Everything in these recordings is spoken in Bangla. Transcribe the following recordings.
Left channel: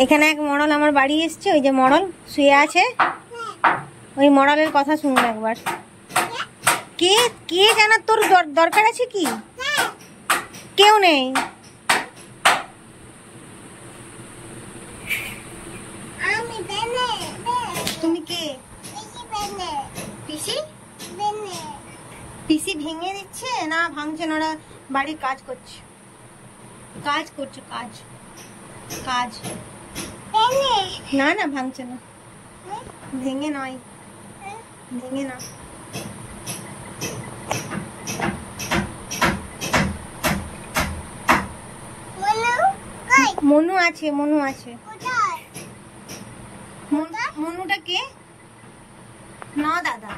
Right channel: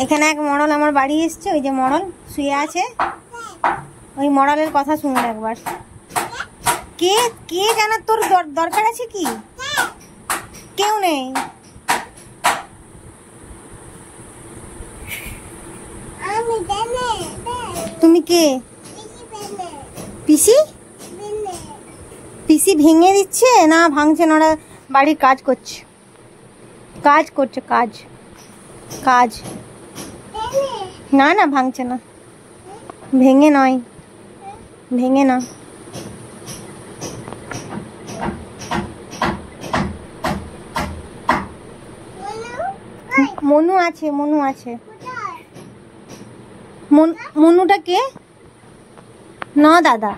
এখানে এক মডেল আমার বাড়ি এসছে, ওই যে মডেল শুয়ে আছে, ওই মডেলের কথা শুনুন একবার। কে কে জানার তোর দরকার আছে কি? কেউ নেই। তুমি কে? পিসি? পিসি ভেঙে দিচ্ছে না ভাঙছে না, ওরা বাড়ির কাজ করছে, কাজ করছে, কাজ কাজ। না না ভাঙছে না, ভেঙে নয়, ভেঙে না। মনু আছে, মনু আছে। মনুটা কে? না দাদা।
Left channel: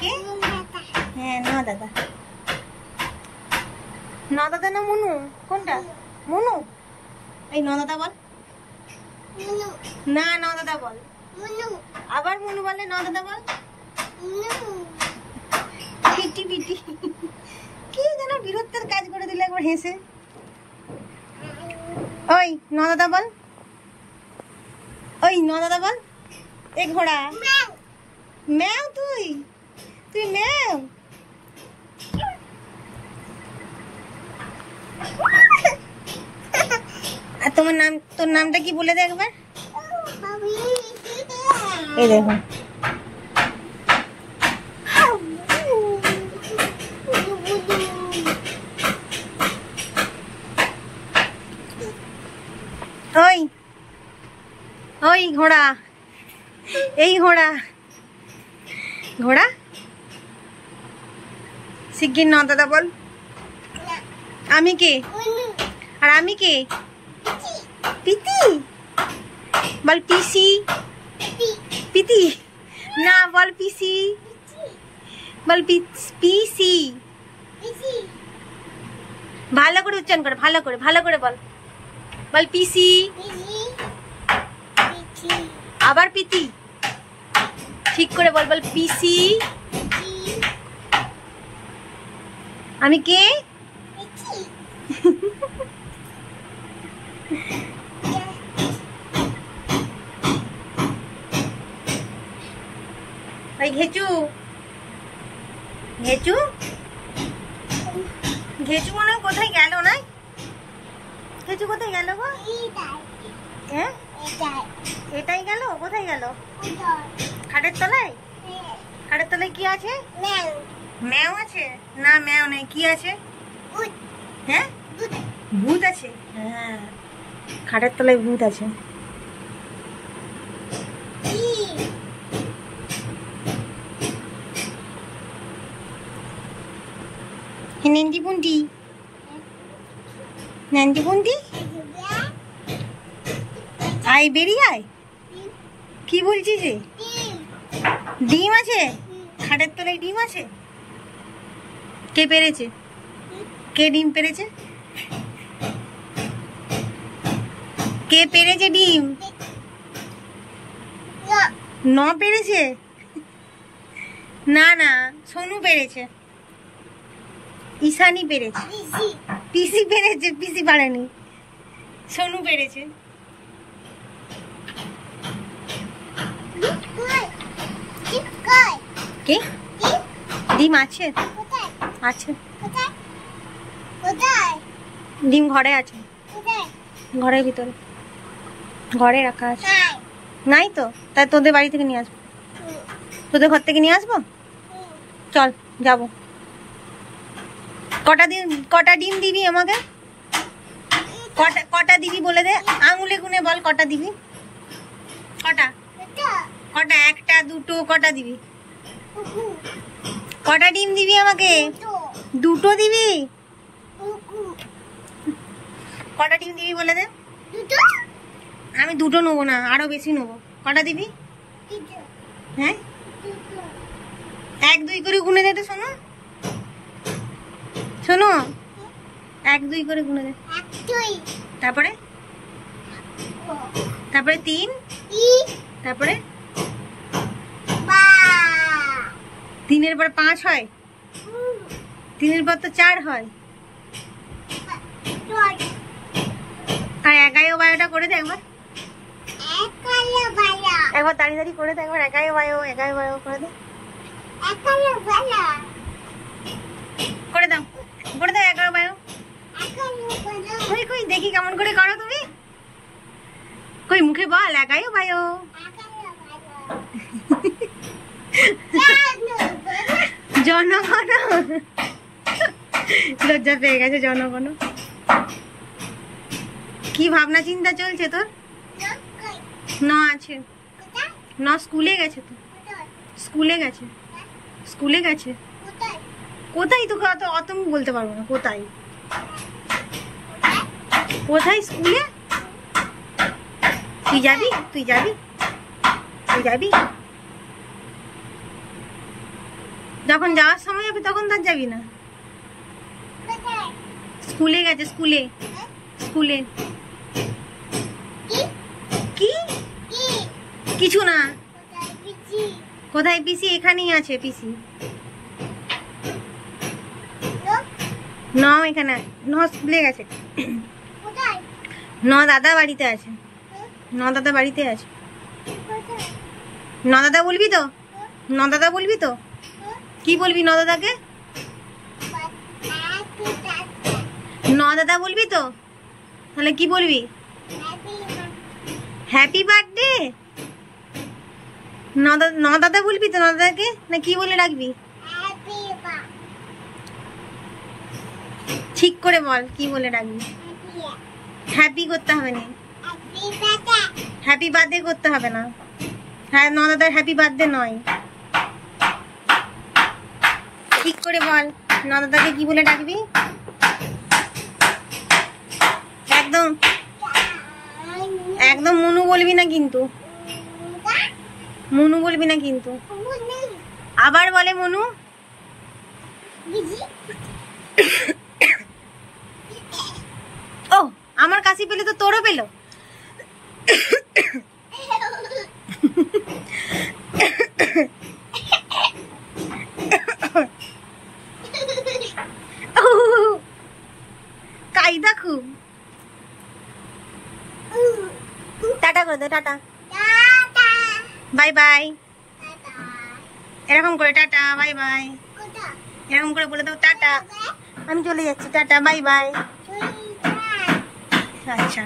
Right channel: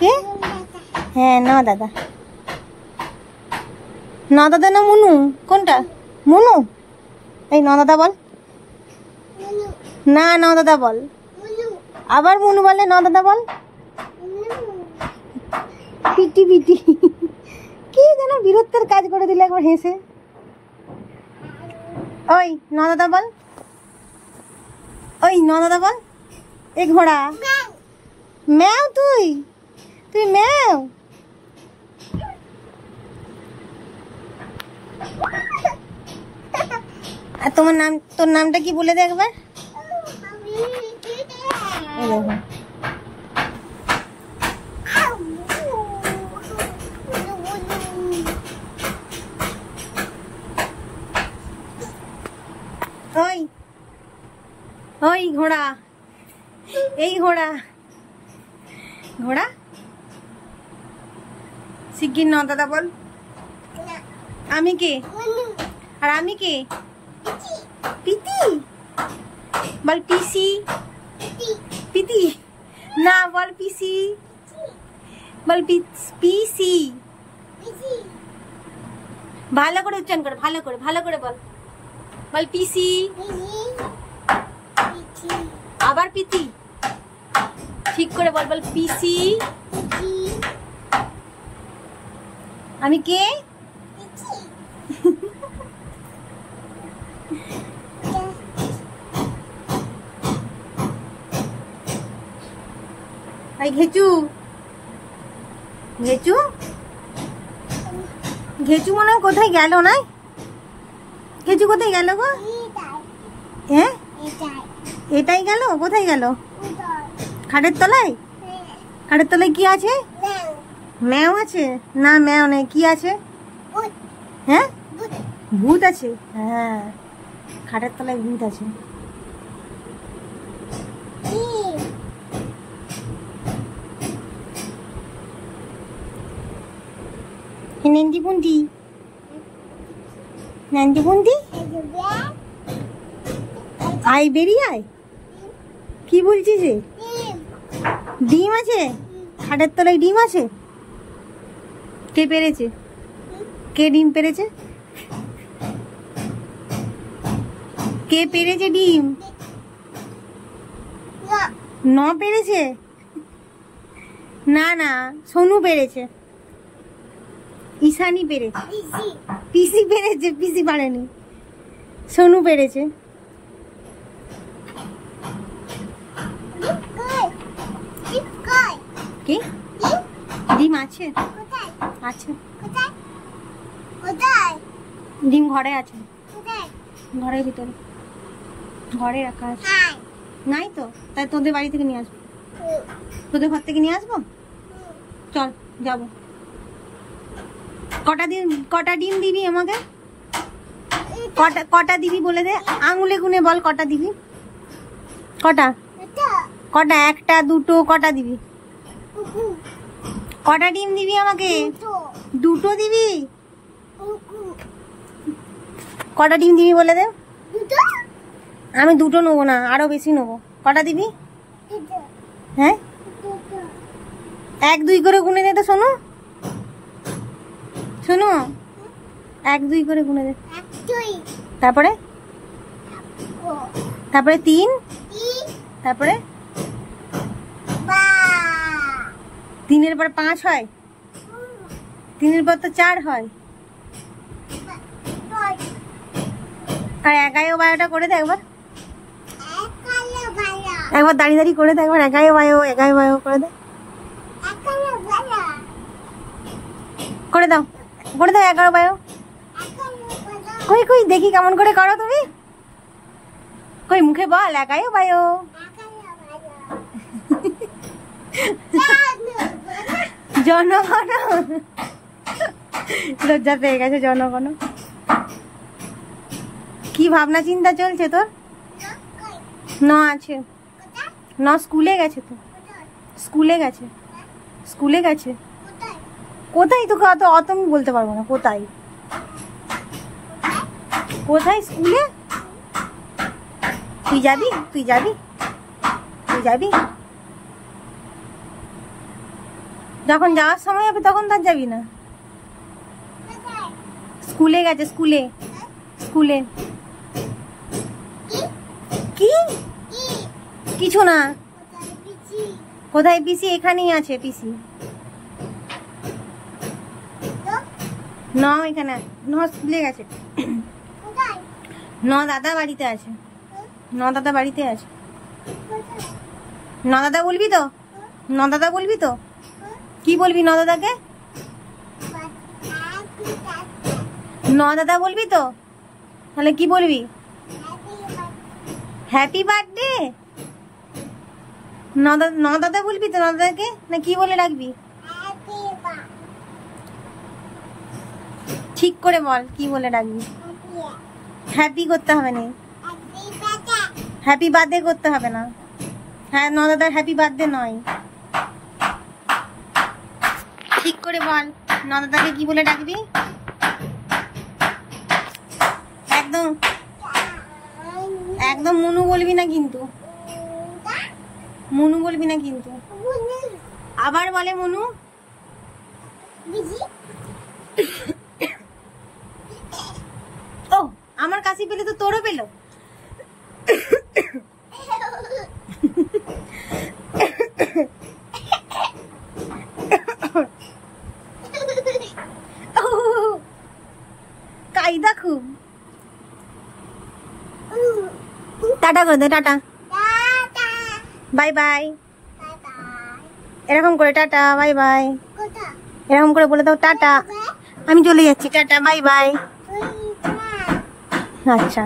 কে? হ্যাঁ না দাদা, না দাদা না মনু, কোনটা? মনু। এই না দাদা বল। না না দাদা বল। আবার মনু বলে না দাদা বল। পিটি পিটি কি যেন বীরত্বের কাজ করে দিলে একবার হেসে। ওই না দাদা বল, ওই না দাদা বল। এই ঘোড়া ম্যাও, তুই তুই ম্যাও। আর তোমার নাম, তোর নামটা কি বলে দে একবার। এই দেখো ওই ওই ঘোড়া, এই ঘোড়া, ঘোড়া শিগগির না দাদা বল। আমি কে? আর আমি কে? পিতি বল। পিসি? পিতি না বল, পিসি বল। পিসি ভালো করে উচ্চারণ করে, ভালো করে, ভালো করে বল। বল পিসি, আবার পিতি, ঠিক করে বল। বল পিসি। আমি কে? ঘেচু, ঘেচু, ঘেচু মনে হয় কোথায় গেল না? ঘেচু কোথায় গেল গো? হ্যাঁ এটাই গেল, কোথায় গেল? খাটের তলায়। খাটের তলায় কি আছে? ম্যাও আছে? না ম্যাও নেই, কি আছে? হ্যাঁ ভূত আছে। হ্যাঁ খাটের তলায় ভূত আছে। নান্দি বুন্দি, নান্দি বুন্দি আয়, বেরিয়ে আয়। কি বলছিস রে? ডিম আছে খাটের তলায়? ডিম আছে? কে পেরেছে? কে ডিম পেরেছে? কে পেরেছে ডিম? ন পেরেছে? না না সোনু পেরেছে, ঈশানি পেরেছে। পিসি পেরেছে? পিসি পারেনি, সোনু পেরেছে। কি ডিম আছে? আছে ডিম ঘরে আছে, ঘরের ভিতরে, ঘরে রাখা আছে। নাই তো, তাই তোদের বাড়ি থেকে নিয়ে আসবো, তোদের ঘর থেকে নিয়ে আসবো। চল যাবো। কটা ডিম দিবি আমাকে? কটা দিবি বলে দে, আঙুলে গুনে বল কটা দিবি। কটা? কটা? একটা দুটো কটা দিবি? কটা ডিম দিবি আমাকে? দুটো দিবি? কটা ডিম দিবি বলে দে। আমি দুটো নেবো না, আরো বেশি নেবো। কটা দিবি? হ্যাঁ এক দুই করে গুনে দে তো। শোনো শোনো, এক দুই করে গুনে দে। তারপরে তারপরে 3, তারপরে 3-এর পর 5 হয়, 3-এর পর তো 4 হয়। আর 11 ও 12টা করে দে একবার। একবার দাঁড়িয়ে দাঁড়িয়ে করে দে, একবার একাই বায়ো করে দে, করে দাও, করে দাও 11 বায়ো। কই কই দেখি কেমন করে করো তুমি, কই মুখে বল একাই বায়ো। জনগণ, লজ্জা পেয়ে গেছে জনগণ। কি ভাবনা চিন্তা চলছে তোর? ন আছে, ন স্কুলে গেছে তো, স্কুলে গেছে, স্কুলে গেছে। কোথায় তোকে অত অত আমি বলতে পারবো না, কোথায় কোথায় স্কুলে? তুই যাবি, তুই যাবি, তুই যাবি? যখন যাওয়ার সময় হবে তখন তার যাবি না? স্কুলে গেছে, স্কুলে, স্কুলে। কি কিছু না। কোথায় পিসি? এখানেই আছে পিসি। ন এখানে, ন স্কুলে গেছে। ন দাদা বাড়িতে আছে, ন দাদা বাড়িতে আছে। ন দাদা বলবি তো, ন দাদা বলবি তো? কি বলবি ন দাদাকে? ন দাদা বলবি তো? তাহলে কি বলবি? Happy birthday. ন দাদা বলবি তো ন দাদাকে, না কি বলে ডাকবি? ঠিক করে বল কি বলে ডাকবি। হ্যাপি করতে হবে না, হ্যাপি বার্থডে করতে হবে না। হ্যাঁ, ন দাদার হ্যাপি বার্থডে নয়। ঠিক করে বল ন দাদাকে কি বলে ডাকবি। একদম একদম মনু বলবি না কিন্তু, মনু বলবি না কিন্তু। আবার বলে মনু। ও আমার কাশি পেলে তো তোরও পেলো। কায়দা খুব। টাটা করে দে, টাটা, বাই বাই। এরকম করে টাটা বাই বাই, এরকম করে বলে দাও টাটা। আমি চলে যাচ্ছি, টাটা বাই বাই। আচ্ছা।